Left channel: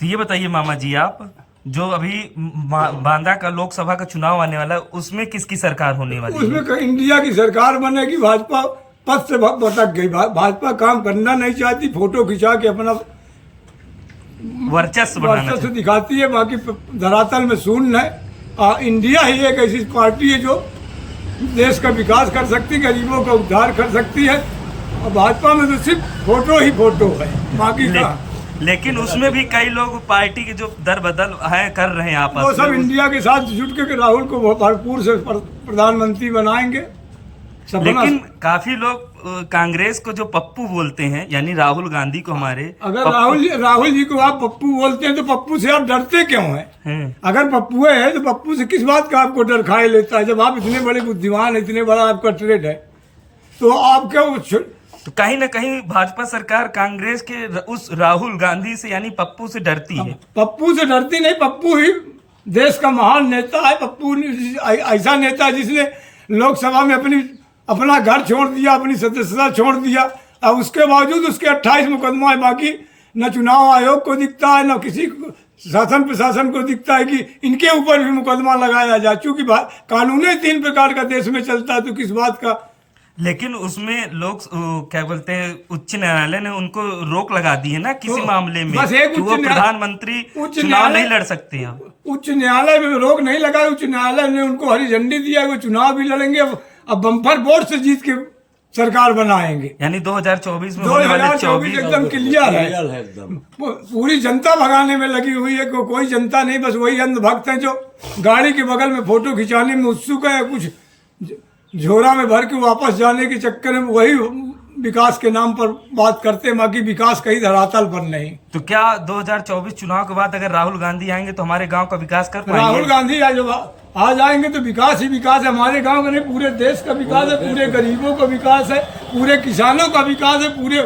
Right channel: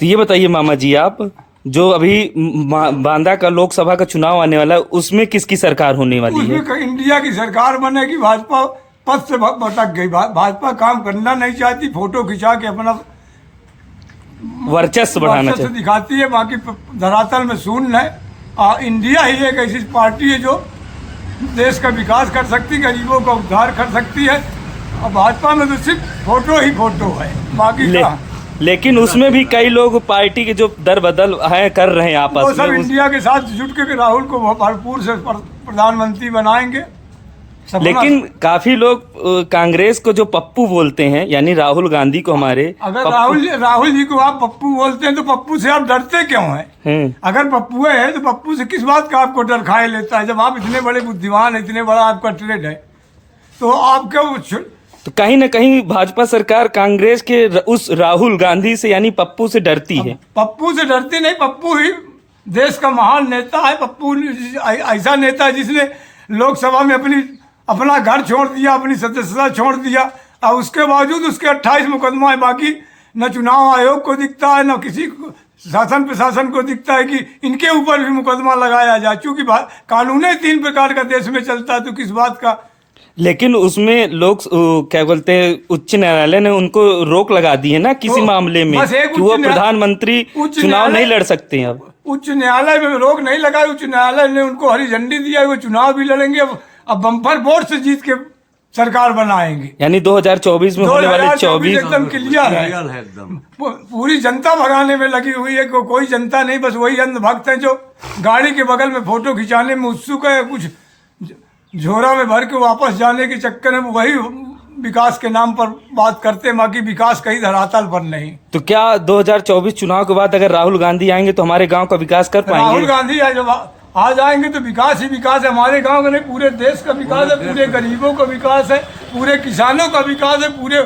तो ये बताइए मामा जी, आप जो अभी बांदा का लोकसभा का चुनाव आने वाला है, उसमें किसकी सरकार होने वाली है? उसमें इंडिया की सरकार बनेगी। भाजपा पद से भटक गई। भाजपा काम करना नहीं चाहती, फोटो खिंचा के अपना वर्चस्व बढ़ाना वर्चस्व दिखाती है, बाकी धरातल में शून्य है। इंडिया ही एक ऐसी पार्टी है जो देश का विकास कर सकती है, गरीबों का उद्धार कर सकती है। और भाजपा में तो सिर्फ फोटो ही फोटो है, बाकी का लेकिन उसमें भी कई लोग पार्टी के जो दर बदल है कर रहे हैं आपस वो में। सब इंडिया के साथ जुट के राहुल को भरपूर से प्रधानमंत्री बनाएंगे। लेकिन काफी लोग कांग्रेस को जो पप्पू बोलते हैं, यानी राहुल गांधी को हमारे, अगर राहुल जी को आप पप्पू बोलते हैं तो पप्पू से आप डरते क्यों हैं? अगर पप्पू है तो पप्पू से किस बात का आपको डर खाए लेता है? जब आप इतने बड़े बुद्धिमान है, इतने बड़ा आपका ट्रेड है, तो आप क्यों? तो कहीं ना कहीं भाजपा सरकार कांग्रेस के उस राहुल गांधी से यानी पप्पू से डरती है। पप्पू से डरती नहीं, पप्पू ही देश का महान नेता है। पप्पू ऐसा नेता है जिसने लोकसभा में अपना घर छोड़ दिया, अपनी सदस्यता छोड़ दिया, और उसके बावजूद उसके 28 मुकदमा है। बाकी न चुनाव आयोग को दिखता है, न किसी शासन प्रशासन को दिखता है कि इनके ऊपर भी मुकदमा लगाया जाए। चूंकि कानून ही 3 प्रकार का देश में चलता है, तो किस बात का? लेकिन उसमें लोग क्या बोलते हैं, उच्च न्यायालय ने उनको रोक लगा दी है ना किसी मामले में कि वो प्रधानमंत्री चुनाव नहीं लड़ सकते हैं। अब उच्च न्यायालय में रोक नहीं लगाई, उच्च न्यायालय ने उनको हरी झंडी दिया, वो चुनाव भी लड़ेंगे। अब बम्पर वोट से जीत के सरकार बनाएंगे। यानी 2024 में होने वाले 24 एकदम क्लियर है। पूरी जनता भगाने में लगी हुई है। कोई जनता नहीं, बस वही अंधभक्त है जो गाड़ी के बगल में फोटो खिंचाने में उत्सुक है, कुछ झोरा में भर के वापस जाने के चक्कर में वही विकास के नाम पर बात करते हैं, बाकी विकास कहीं धरातल पर नहीं। तो क्या 2024 चुनाव के बाद अगर राहुल गांधी आएंगे तो हमारे गांव का विकास कर पाएंगे? राहुल गांधी आ जाएंगे तो विकास ही विकास है। हमारे गांव का नहीं, पूरे देश का विकास है, पूरे गरीबों का विकास है, पूरे किसानों का विकास है, पूरे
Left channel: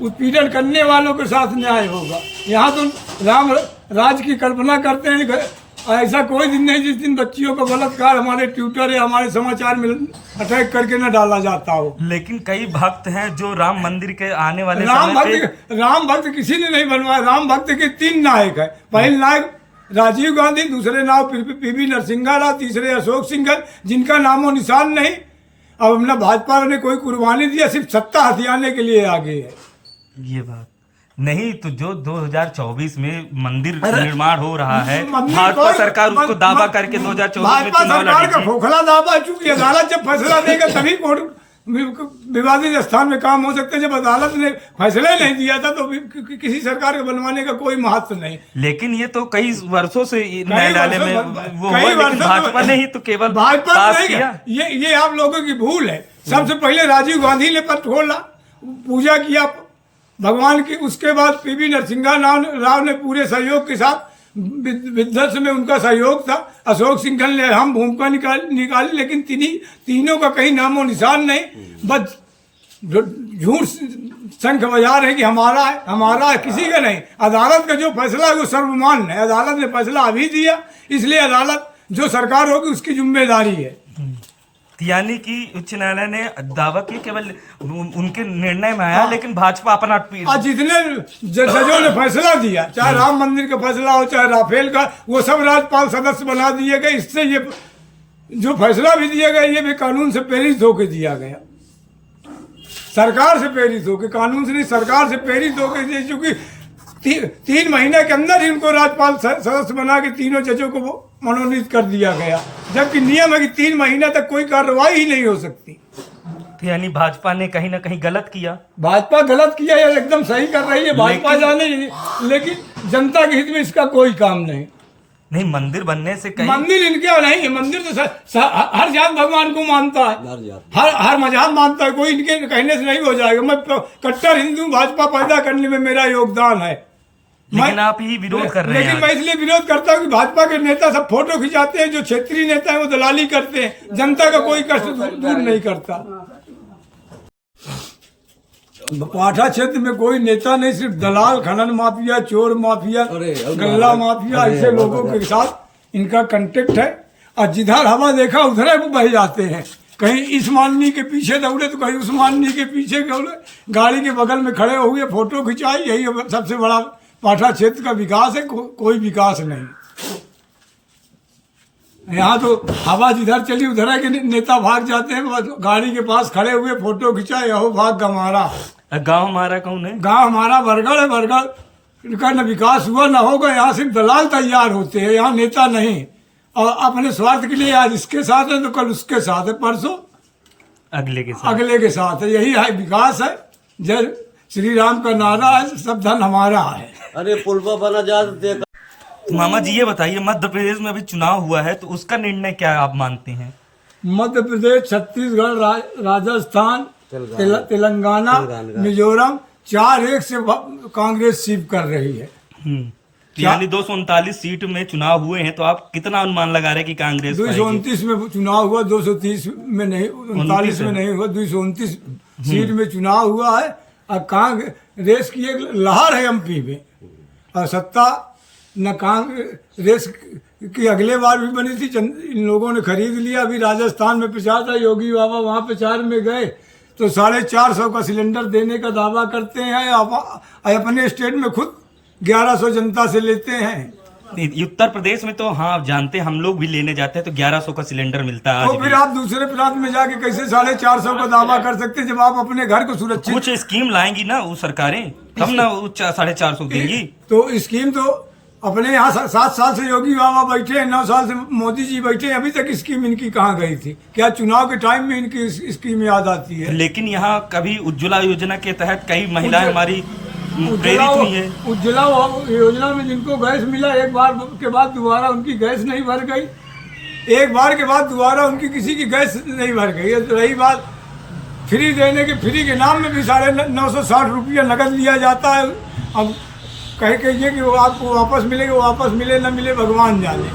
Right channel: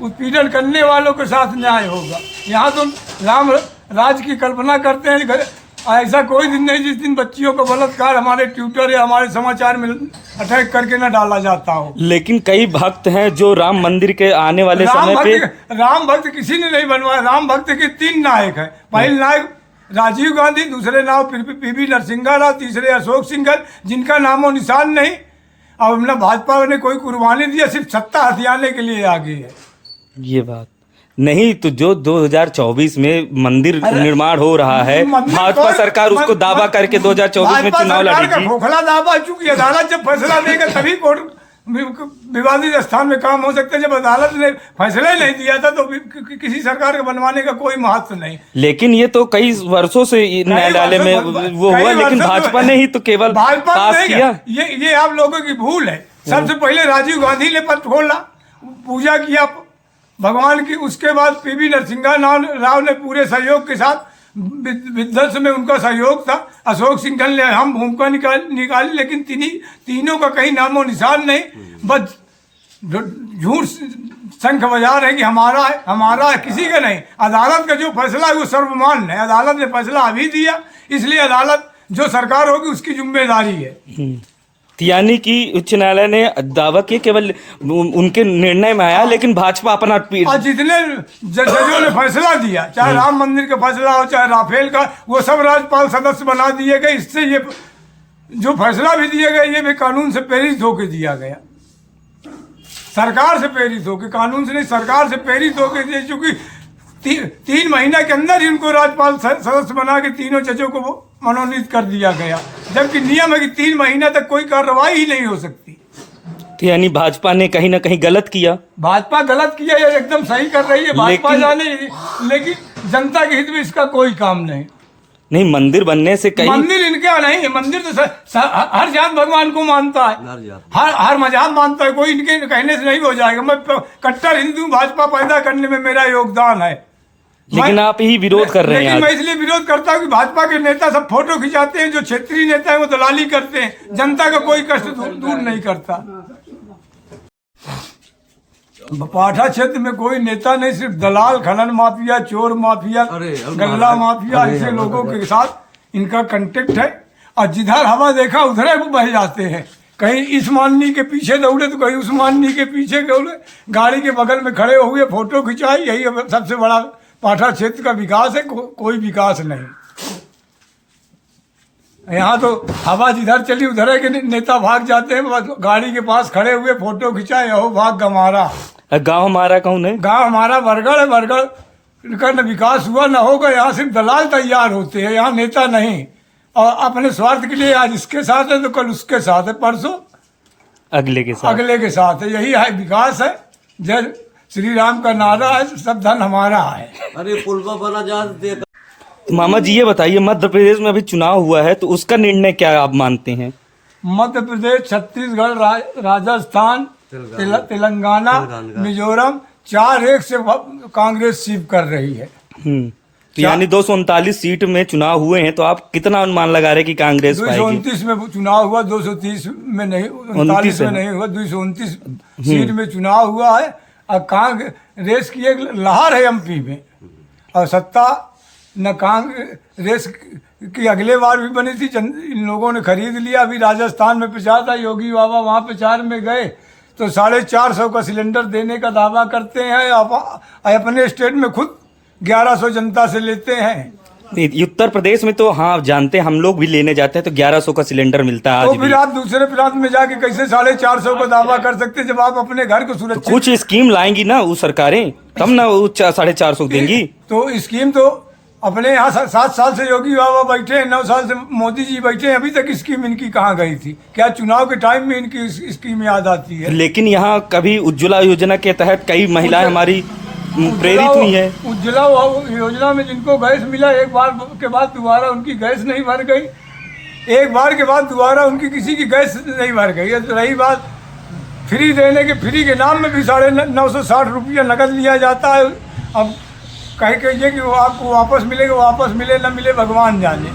उत्पीड़न करने वालों के साथ न्याय होगा। यहाँ तो राम राज की कल्पना करते हैं। ऐसा कोई दिन नहीं जिस दिन बच्चियों का बलात्कार हमारे ट्विटर या हमारे समाचार में अटैक करके न डाला जाता हो। लेकिन कई भक्त हैं जो राम मंदिर के आने वाले समय पे राम भक्त किसी ने नहीं बनवाया। राम भक्त के 3 नायक है। पहले नायक राजीव गांधी, दूसरे नाम पीवी नरसिंह राव, तीसरे अशोक सिंघल, जिनका नामो निशान नहीं। अब हमने भाजपा ने कोई कुर्बानी दिया, सिर्फ सत्ता हथियाने के लिए आगे है। ये बात नहीं, तो जो 2024 में मंदिर निर्माण हो रहा है, भाजपा सरकार उसको दावा करके 2024 में चुनाव लड़ेगी। खोखला दावा, चूंकि अदालत जब फैसला देगा तभी विवादित स्थान में काम हो सकता है। जब अदालत ने फैसला ही नहीं दिया था तो किसी सरकार के बनवाने का कोई महत्व नहीं। लेकिन ये तो कई वर्षों से न्यायालय में वो हुआ, लेकिन भाजपा ने ही तो केवल पास किया। ये आप लोगों की भूल है। सबसे पहले राजीव गांधी ने पद खोला, पूजा किया भगवान की। उसके बाद पीवी नरसिंह राव ने पूरे सहयोग के साथ, विध्वंस में उनका सहयोग था। अशोक सिंघल ने हम भूमिका निकाली, लेकिन तीनों का कहीं नामो निशान नहीं। बस झूठ शंख बजा रहे हैं कि हमारा है, किसी का नहीं। अदालत का जो फैसला है वो सर्वमान्य है। अदालत ने फैसला अभी दिया, इसलिए अदालत जो सरकार होगी उसकी जिम्मेदारी है। यानी कि उच्च न्यायालय ने दावा किया, केवल उनके निर्णय में आया, लेकिन भाजपा अपना जितने जजों ने फैसला दिया, चाहे राम मंदिर का फैसला हो, चाहे राफेल का, वो सब राज्यपाल सदस्य बना दिए गए। इससे ये जो फैसला भी दिया गया, ये भी कानून से प्रेरित होकर दिया गया। सरकार से प्रेरित होकर, कानून से नहीं, सरकार से प्रेरित होकर दिया। चूंकि 3 महीने के अंदर ही उनको राज्यपाल सदस्य बना के तीनों जजों को मनोनीत कर दिया गया, जबकि नियम है कि 3 महीने तक कोई कार्रवाई ही नहीं हो सकती। तो यानी भाजपा ने कहीं ना कहीं गलत किया। भाजपा गलत किया या एकदम सही कर रही है, भाजपा जाने। लेकिन जनता के हित में इसका कोई काम नहीं। मंदिर बनने से कहीं, मंदिर इनका नहीं है। मंदिर तो हर जात भगवान को मानता है, हर मजहब मानता है। कोई इनके कहने से नहीं हो जाएगा। मैं कट्टर हिंदू, भाजपा पैदा करने में मेरा योगदान है। लेकिन आप ही विरोध कर रहे हैं। लेकिन मैं इसलिए विरोध करता हूँ कि भाजपा के नेता सब फोटो खिंचाते हैं, जो क्षेत्रीय नेता है वो दलाली करते हैं, जनता का कोई कष्ट दूर नहीं करता। पाठा क्षेत्र में कोई नेता नहीं, सिर्फ दलाल, खनन माफिया, चोर माफिया, गल्ला माफिया, ऐसे लोगों के साथ इनका कांटेक्ट है। और जिधर हवा देखा उधर वो बह जाते हैं। कहीं इस माननी के पीछे दौड़े तो कहीं उस माननी के पीछे दौड़े, गाड़ी के बगल में खड़े हुए फोटो खिंचाई। यही सबसे बड़ा पाठा क्षेत्र का विकास है, कोई विकास नहीं। यहाँ तो हवा जिधर चली उधर है कि नेता भाग जाते हैं, गाड़ी के पास खड़े हुए फोटो खिंचाए, यहो भाग हमारा। गांव हमारा कौन है? गांव हमारा बरगढ़ है। बरगढ़ का न विकास हुआ न होगा। यहाँ सिर्फ दलाल तैयार होते हैं, यहाँ नेता नहीं। और अपने स्वार्थ के लिए आज इसके साथ है तो कल उसके साथ है, परसों अगले के साथ है। यही है विकास है। जय श्री राम का नारा है, सब धन हमारा है। अरे पुलवा बना जा दे। मामा जी ये बताइए, मध्य प्रदेश में अभी चुनाव हुआ है तो उसका निर्णय क्या आप मानते हैं? मध्य प्रदेश, छत्तीसगढ़, राजस्थान, तेलंगाना, मिजोरम 4-1 से कांग्रेस सीप कर रही है। तो यानी 239 सीट में चुनाव हुए हैं, तो आप कितना अनुमान लगा रहे कि कांग्रेस 229 में चुनाव हुआ, 230 में नहीं, 39 में नहीं हुआ, 229 सीट में चुनाव हुआ है। और कांग्रेस की एक लहर है एमपी में, और सत्ता न कांग्रेस की अगले बार भी बनी थी, इन लोगों ने खरीद लिया। अभी राजस्थान में प्रचार था, योगी बाबा वहां प्रचार में गए तो 450 का सिलेंडर देने का दावा करते हैं, अपने स्टेट में खुद 1100 जनता से लेते हैं। उत्तर प्रदेश में तो हाँ जानते हैं, हम लोग भी लेने जाते हैं तो 1100 का सिलेंडर मिलता है। तो फिर आप दूसरे प्रांत में जाके कैसे 450 का दावा कर सकते हैं, जब आप अपने घर को सुरक्षित? कुछ स्कीम लाएंगी ना वो सरकारें, तब ना वो 450 देंगी। तो स्कीम तो अपने यहाँ 7 साल से योगी बाबा बैठे हैं, 9 साल से मोदी जी बैठे हैं, अभी तक स्कीम इनकी कहाँ गई थी? क्या चुनाव के टाइम में इनकी स्कीम याद आती है? लेकिन यहाँ कभी उज्ज्वला योजना के तहत कई महिलाएं हमारी प्रेरित हुई है। उज्ज्वला योजना में जिनको गैस मिला, एक बार के बाद दोबारा उनकी गैस नहीं भर गई, एक बार के बाद दोबारा उनकी किसी की गैस नहीं भर गई। रही बात फ्री देने के, फ्री के नाम में भी 960 रुपया नकद लिया जाता है। अब कहे कि ये कि वो आपको वापस मिलेगा, वापस मिले न मिले भगवान जाने।